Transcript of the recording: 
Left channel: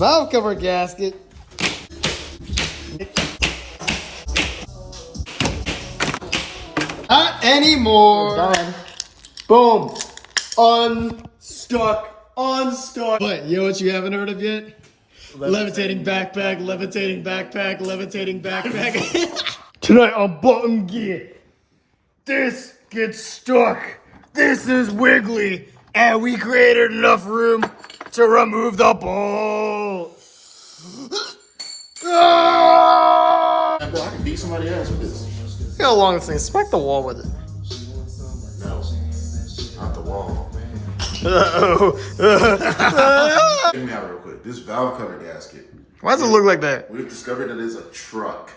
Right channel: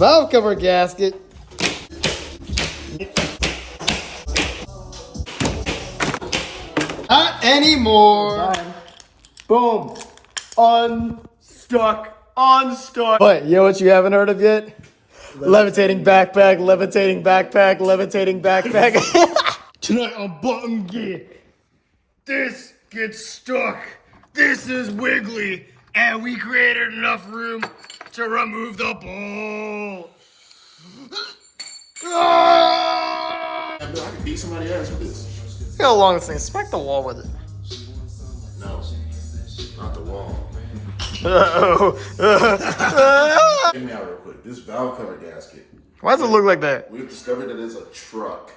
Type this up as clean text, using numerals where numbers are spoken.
Valve cover gasket. Not anymore. Done. Boom. Unstuck. But you know what you haven't heard of yet? Levitating backpack, levitating backpack, levitating backpack. Tonight on Button Gear, this gets stuck. This is wiggly, and we created enough room to remove the ball. I can beat somebody ass with this. Look how long this thing is. Smack the wall with it. No, not the wall. Hear me out real quick. This valve cover gasket. Why does it look like that? We've discovered that it's a truck.